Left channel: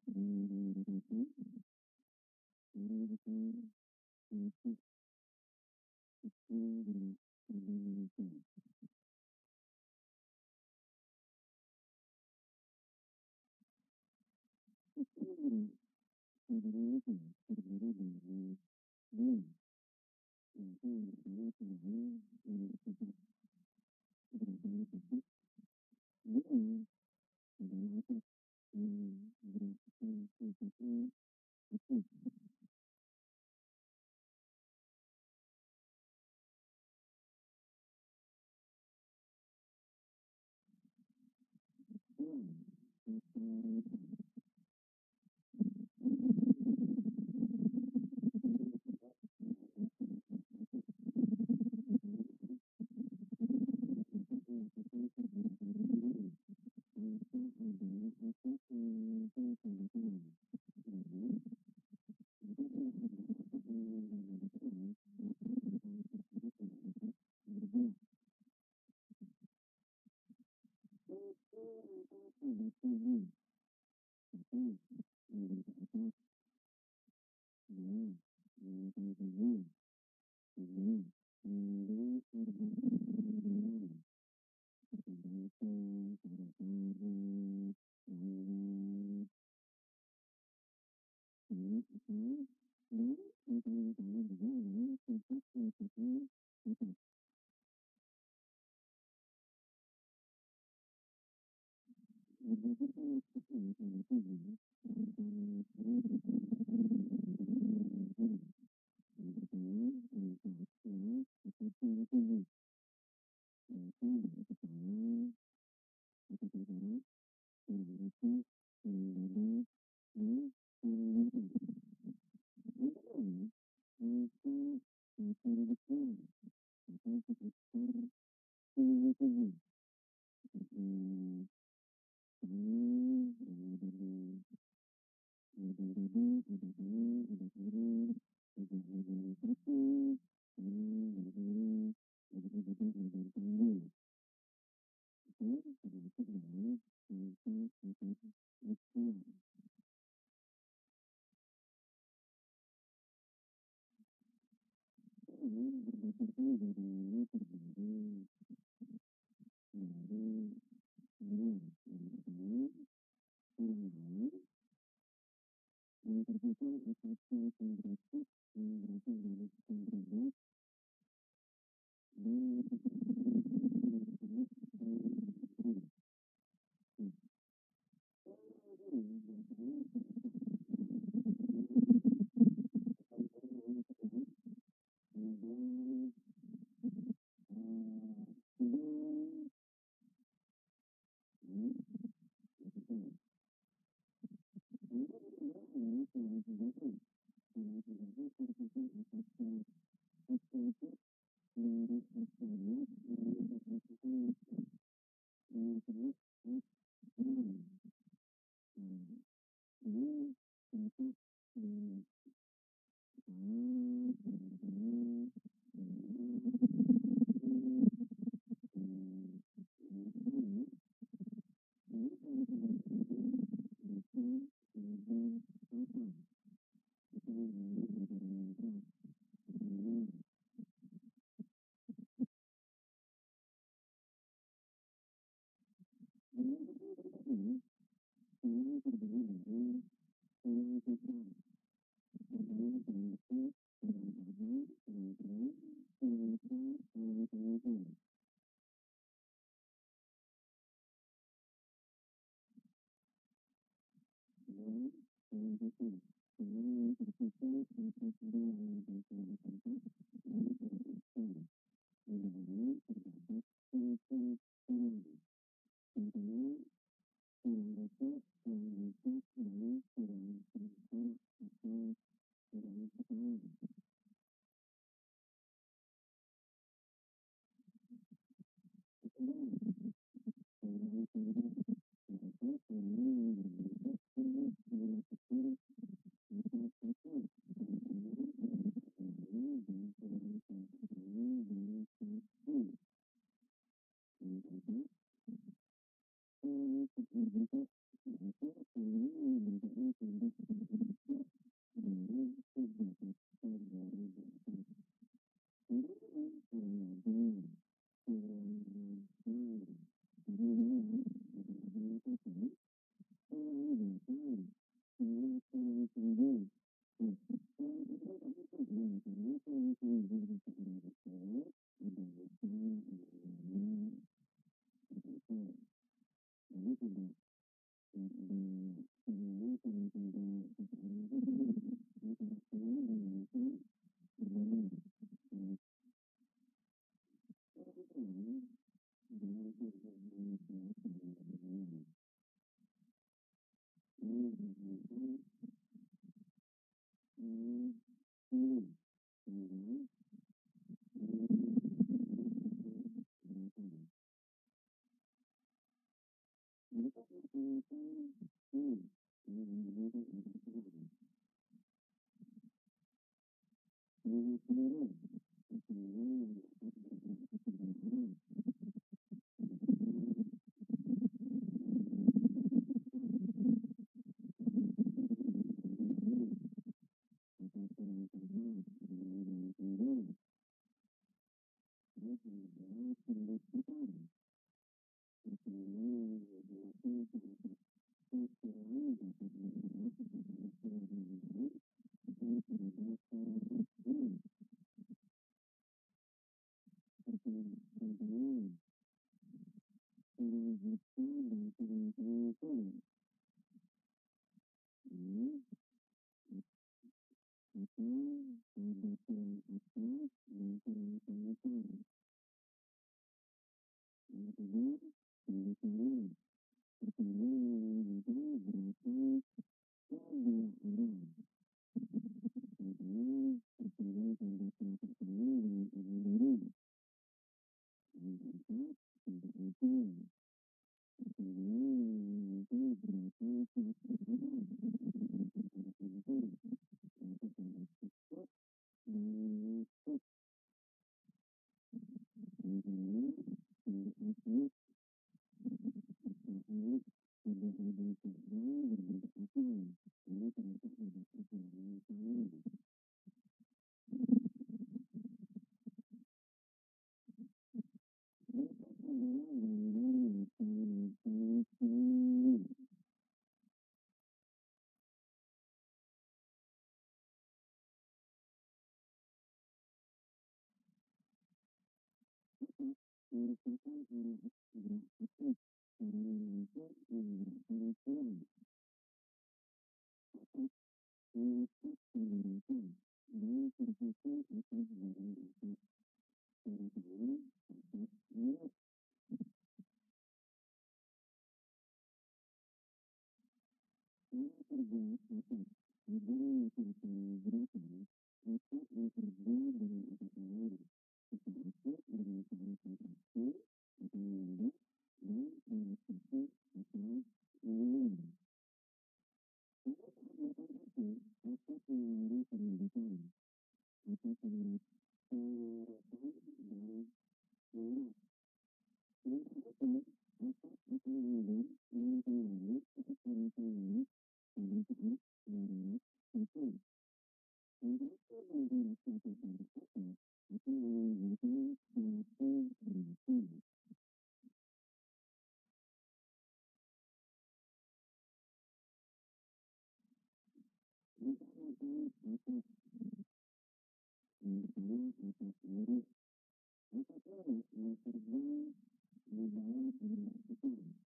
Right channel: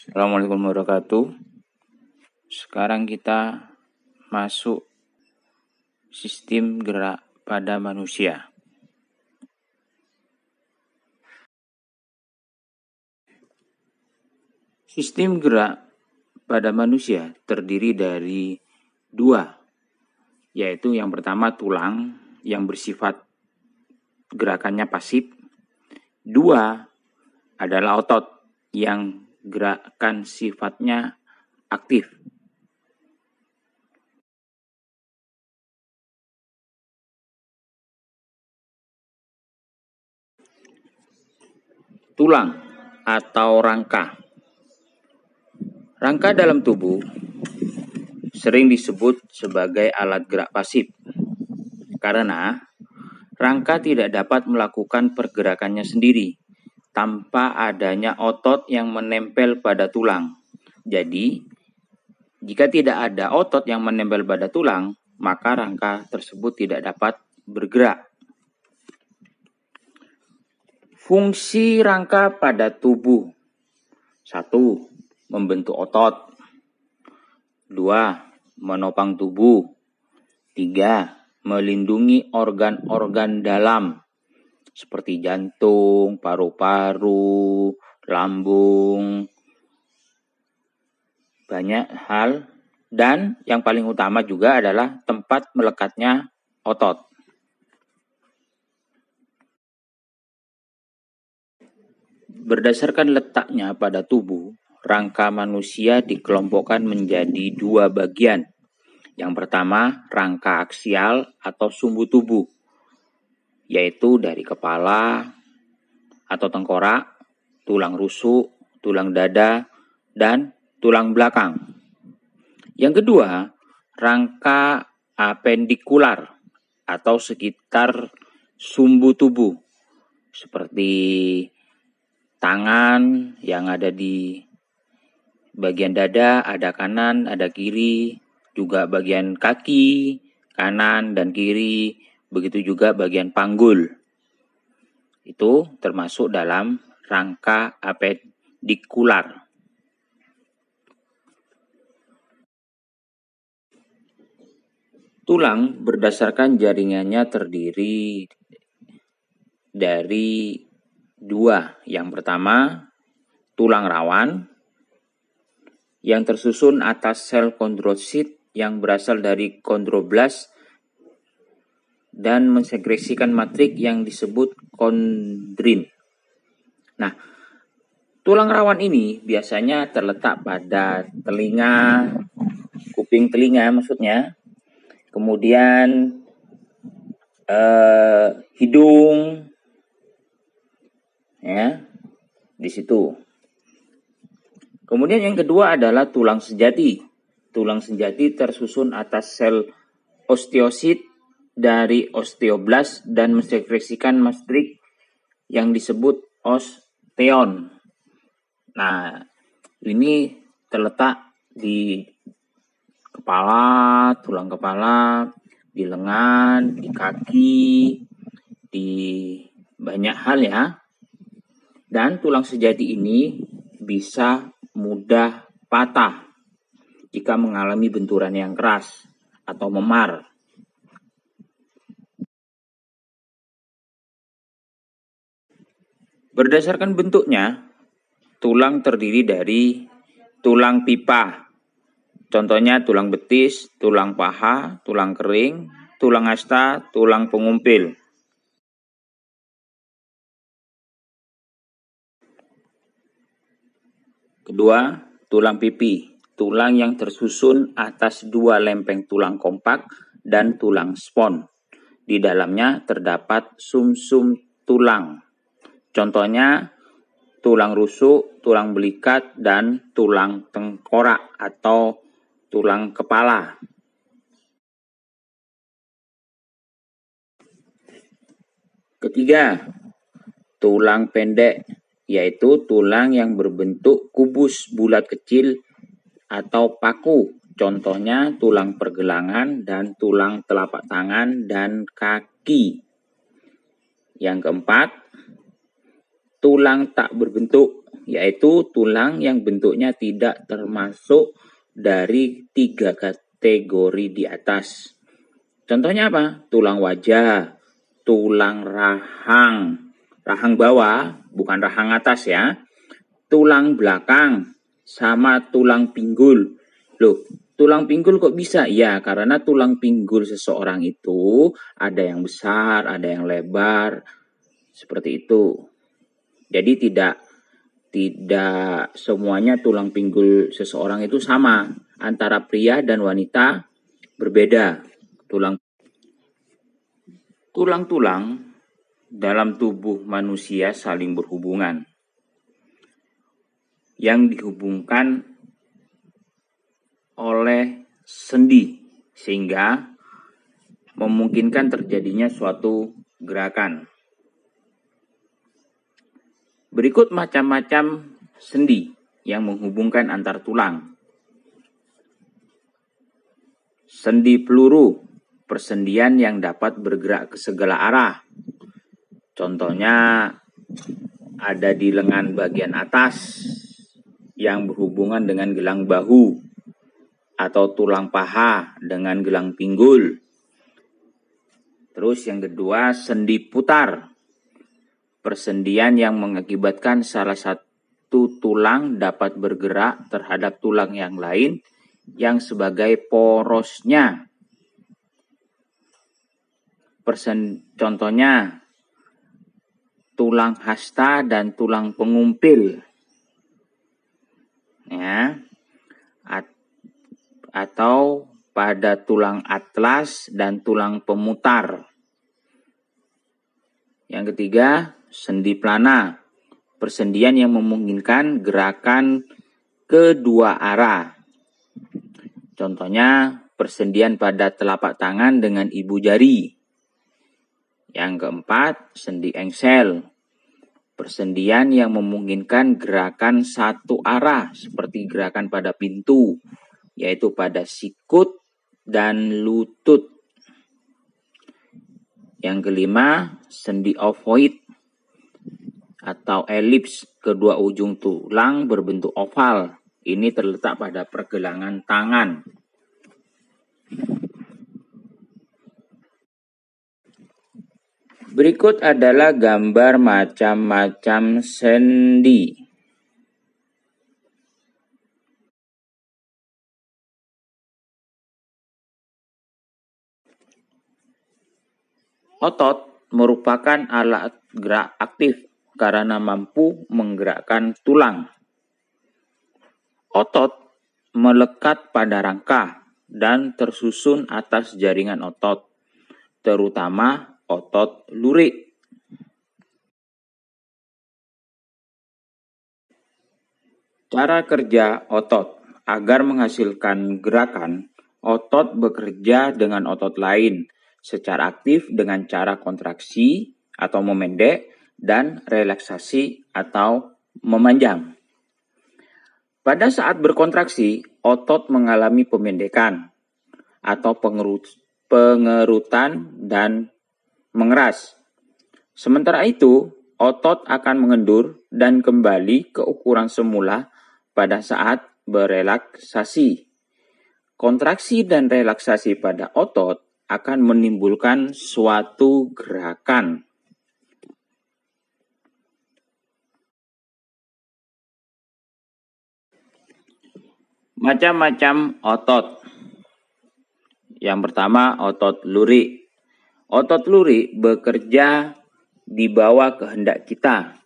Assalamualaikum warahmatullahi wabarakatuh. Sekarang kita masuk sistem gerak pada manusia. Sistem gerak pada manusia terdiri dari dua, yaitu yang pertama tulang yang bersifat gerakannya pasif. Dua adalah otot yang gerakan sifatnya aktif. Tulang atau rangka. Rangka dalam tubuh sering disebut sebagai alat gerak pasif karena rangka tidak dapat melakukan pergerakannya sendiri tanpa adanya otot yang menempel pada tulang. Jadi, jika tidak ada otot yang menempel pada tulang, maka rangka tersebut tidak dapat bergerak. Fungsi rangka pada tubuh. 1. Membentuk otot. 2. Menopang tubuh. 3. Melindungi organ-organ dalam seperti jantung, paru-paru, lambung, banyak hal. Dan yang paling utama juga adalah tempat melekatnya otot. Berdasarkan letaknya pada tubuh, rangka manusia dikelompokkan menjadi dua bagian. Yang pertama, rangka aksial atau sumbu tubuh, yaitu dari kepala atau tengkorak, tulang rusuk, tulang dada, dan tulang belakang. Yang kedua, rangka apendikular atau sekitar sumbu tubuh, seperti tangan yang ada di bagian dada, ada kanan, ada kiri, juga bagian kaki, kanan dan kiri, begitu juga bagian panggul. Itu termasuk dalam rangka apendikular. Tulang berdasarkan jaringannya terdiri dari dua. Yang pertama, tulang rawan yang tersusun atas sel kondrosit yang berasal dari kondroblast dan mensekresikan matrik yang disebut kondrin. Nah, tulang rawan ini biasanya terletak pada telinga, kuping telinga maksudnya, kemudian hidung, ya, di situ. Kemudian yang kedua adalah tulang sejati. Tulang sejati tersusun atas sel osteosit dari osteoblast dan mensekresikan matrik yang disebut osteon. Nah, ini terletak di kepala, tulang kepala, di lengan, di kaki, di banyak hal ya. Dan tulang sejati ini bisa mudah patah jika mengalami benturan yang keras atau memar. Berdasarkan bentuknya, tulang terdiri dari tulang pipa. Contohnya tulang betis, tulang paha, tulang kering, tulang hasta, tulang pengumpil. Kedua, tulang pipi. Tulang yang tersusun atas dua lempeng tulang kompak dan tulang spons. Di dalamnya terdapat sumsum tulang. Contohnya tulang rusuk, tulang belikat, dan tulang tengkorak atau tulang kepala. Ketiga, tulang pendek, yaitu tulang yang berbentuk kubus bulat kecil atau paku. Contohnya tulang pergelangan dan tulang telapak tangan dan kaki. Yang keempat, tulang tak berbentuk, yaitu tulang yang bentuknya tidak termasuk dari 3 kategori di atas. Contohnya apa? Tulang wajah, tulang rahang bawah, bukan rahang atas ya, tulang belakang, sama tulang pinggul. Loh, tulang pinggul kok bisa? Ya, karena tulang pinggul seseorang itu ada yang besar, ada yang lebar, seperti itu. Jadi tidak semuanya tulang pinggul seseorang itu sama. Antara pria dan wanita berbeda. Tulang-tulang dalam tubuh manusia saling berhubungan. Yang dihubungkan oleh sendi, sehingga memungkinkan terjadinya suatu gerakan. Berikut macam-macam sendi yang menghubungkan antar tulang. Sendi peluru, persendian yang dapat bergerak ke segala arah. Contohnya ada di lengan bagian atas yang berhubungan dengan gelang bahu, atau tulang paha dengan gelang pinggul. Terus yang kedua, sendi putar. Persendian yang mengakibatkan salah satu tulang dapat bergerak terhadap tulang yang lain yang sebagai porosnya. Contohnya tulang hasta dan tulang pengumpil. Ya. Atau pada tulang atlas dan tulang pemutar. Yang ketiga, sendi plana. Persendian yang memungkinkan gerakan kedua arah. Contohnya persendian pada telapak tangan dengan ibu jari. Yang keempat, sendi engsel. Persendian yang memungkinkan gerakan satu arah seperti gerakan pada pintu, yaitu pada sikut dan lutut. Yang kelima, sendi ovoid atau elips. Kedua ujung tulang berbentuk oval. Ini terletak pada pergelangan tangan. Berikut adalah gambar macam-macam sendi. Otot merupakan alat gerak aktif karena mampu menggerakkan tulang. Otot melekat pada rangka dan tersusun atas jaringan otot, terutama otot lurik. Cara kerja otot. Agar menghasilkan gerakan, otot bekerja dengan otot lain secara aktif dengan cara kontraksi atau memendek dan relaksasi atau memanjang. Pada saat berkontraksi, otot mengalami pemendekan atau pengerutan dan mengeras. Sementara itu, otot akan mengendur dan kembali ke ukuran semula pada saat berelaksasi. Kontraksi dan relaksasi pada otot akan menimbulkan suatu gerakan. Macam-macam otot. Yang pertama, otot lurik. Otot lurik bekerja di bawah kehendak kita.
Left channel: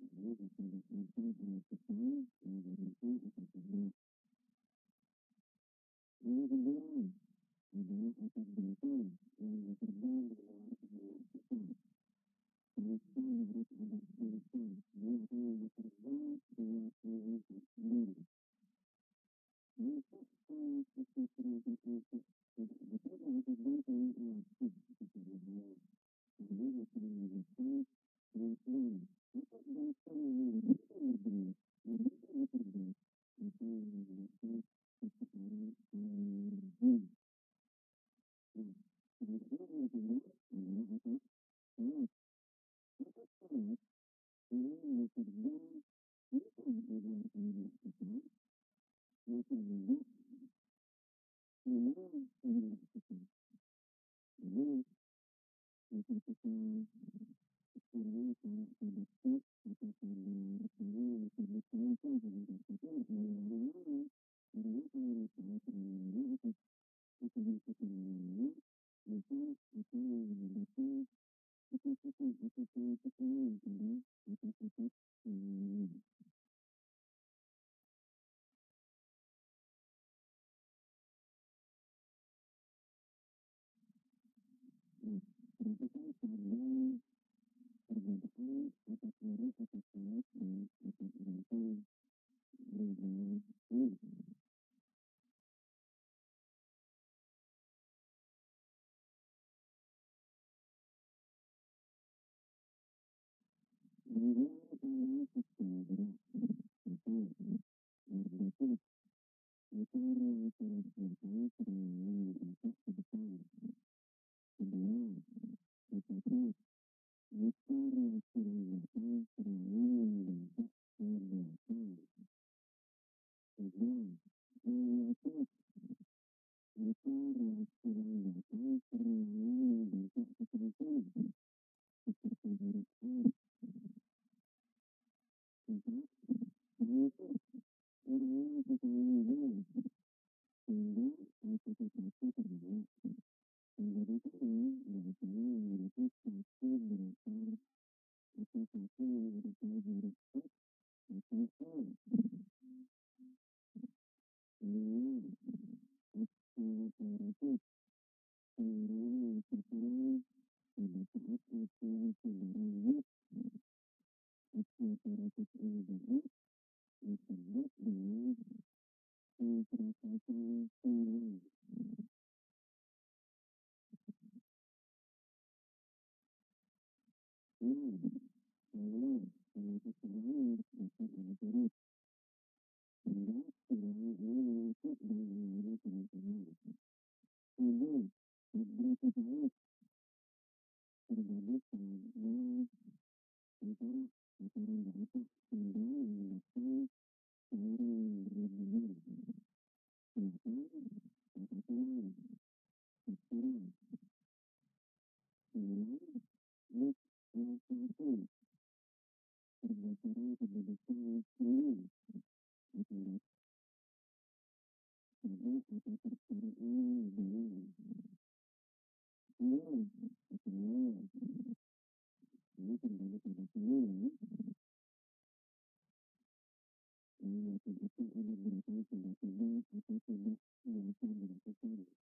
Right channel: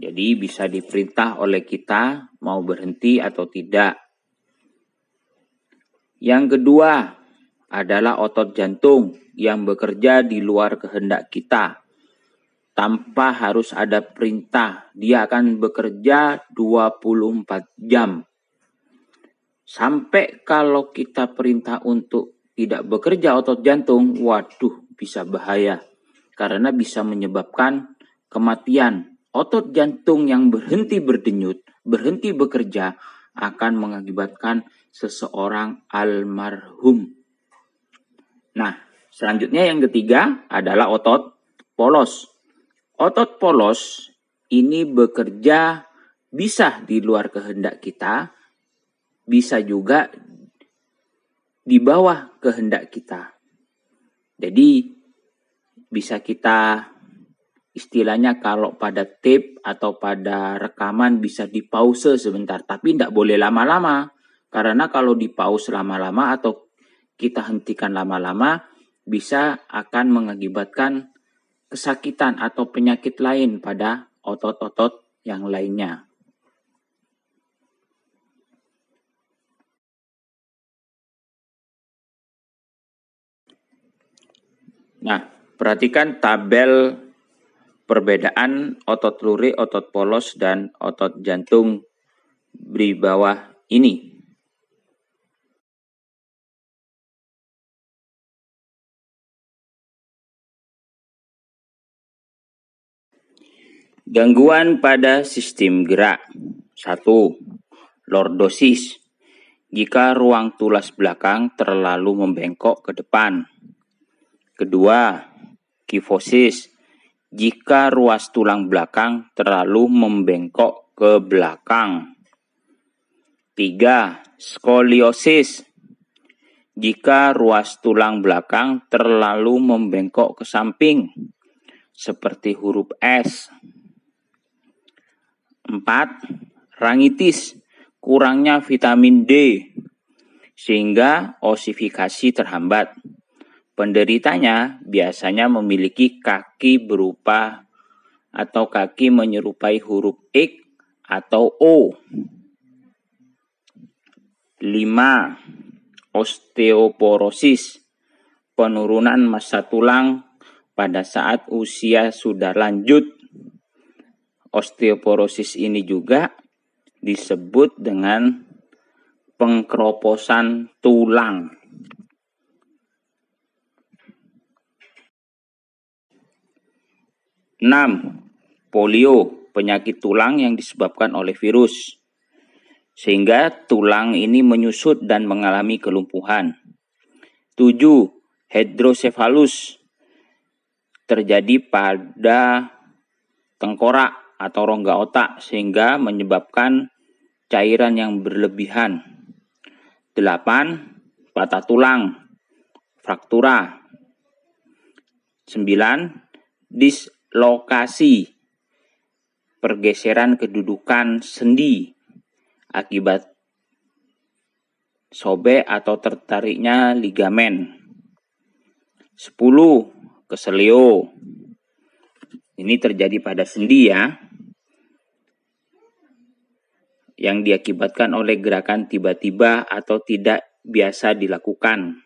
Jadi bisa diperintah oleh kita mau berhenti atau tidak. Yang kedua adalah otot jantung yang bekerja di luar kehendak kita. Tanpa harus ada perintah, dia akan bekerja 24 jam. Sampai kalau kita perintah untuk tidak bekerja otot jantung, waduh bisa bahaya. Karena bisa menyebabkan kematian. Otot jantung yang berhenti berdenyut, berhenti bekerja, akan mengakibatkan seseorang almarhum. Nah, selanjutnya yang ketiga adalah otot polos. Otot polos ini bekerja bisa di luar kehendak kita, bisa juga di bawah kehendak kita. Jadi bisa kita istilahnya kalau pada tape atau pada rekaman bisa di pause sebentar, tapi tidak boleh lama-lama. Karena kalau di pause lama-lama atau kita hentikan lama-lama, bisa akan mengakibatkan kesakitan atau penyakit lain pada otot-otot yang lainnya. Nah, perhatikan tabel perbedaan otot lurik, otot polos, dan otot jantung di bawah ini. Gangguan pada sistem gerak. 1. Lordosis. Jika ruang tulas belakang terlalu membengkok ke depan. Kedua, kifosis. Jika ruas tulang belakang terlalu membengkok ke belakang. 3. Skoliosis. Jika ruas tulang belakang terlalu membengkok ke samping, seperti huruf S. 4. Rangitis. Kurangnya vitamin D, sehingga osifikasi terhambat. Penderitanya biasanya memiliki kaki berupa atau kaki menyerupai huruf X atau O. 5. Osteoporosis. Penurunan massa tulang pada saat usia sudah lanjut. Osteoporosis ini juga disebut dengan pengkeroposan tulang. 6. Polio, penyakit tulang yang disebabkan oleh virus, sehingga tulang ini menyusut dan mengalami kelumpuhan. 7. Hidrosefalus, terjadi pada tengkorak atau rongga otak, sehingga menyebabkan cairan yang berlebihan. 8. Patah tulang, fraktura. 9. Dislokasi, pergeseran kedudukan sendi akibat sobek atau tertariknya ligamen. 10. Keselio. Ini terjadi pada sendi ya, yang diakibatkan oleh gerakan tiba-tiba atau tidak biasa dilakukan.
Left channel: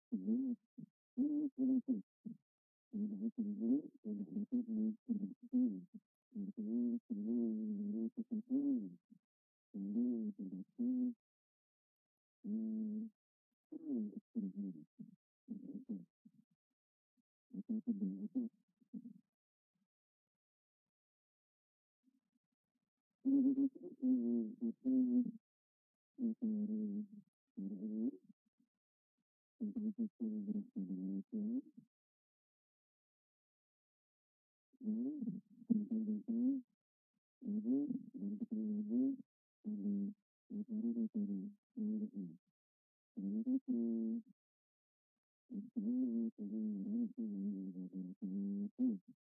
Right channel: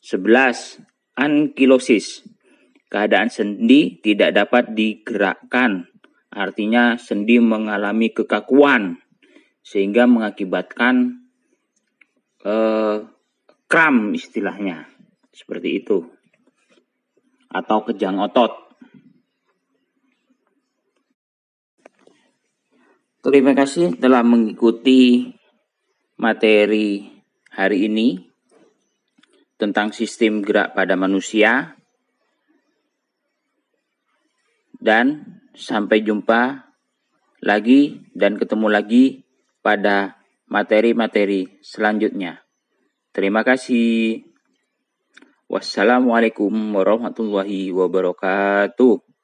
11. Ankilosis. Keadaan sendi tidak dapat digerakkan, artinya sendi mengalami kekakuan, sehingga mengakibatkan kram istilahnya, seperti itu, atau kejang otot. Terima kasih telah mengikuti materi hari ini tentang sistem gerak pada manusia, dan sampai jumpa lagi dan ketemu lagi pada materi-materi selanjutnya. Terima kasih. Wassalamualaikum warahmatullahi wabarakatuh.